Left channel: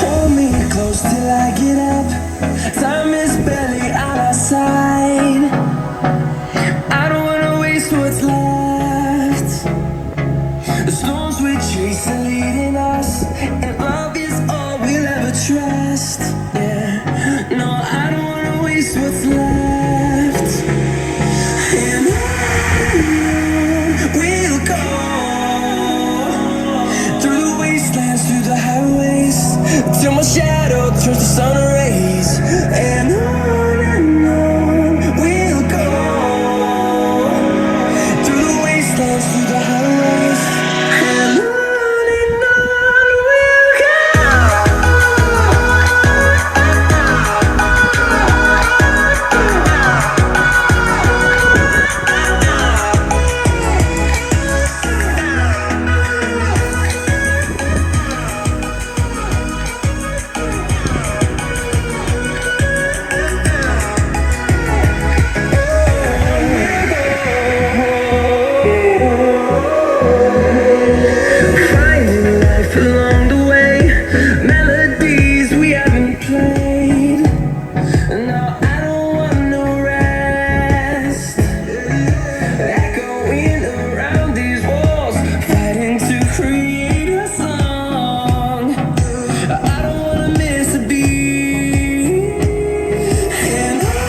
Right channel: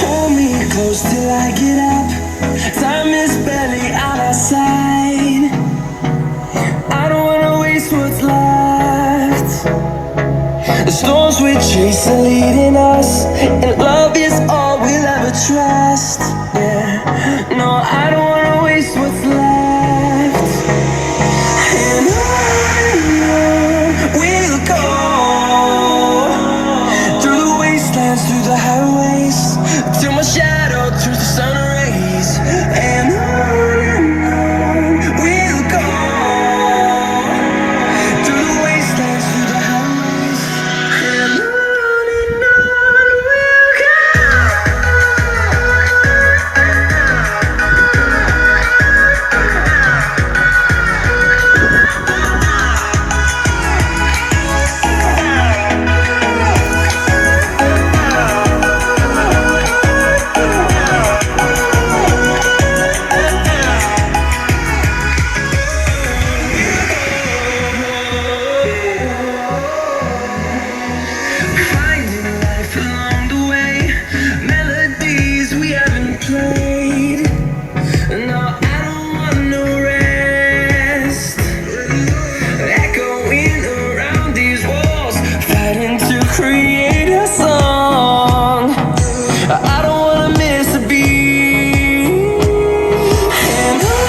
Hold me close till I get up. Time is barely on our side. I don't wanna waste what's left. The storms we chase are leading us, and love is all we'll ever trust. Yeah, no, I don't wanna waste what's left. And on we'll go, through the wastelands, through the highways, till my shadow turns to sun rays. And on we'll go, through the wastelands, through the highways, and on we'll go. Finding life along the way, melodies we haven't played. No, I don't want no rest. Echoing around these walls, fighting to create a song. I don't wanna miss a beat. And on.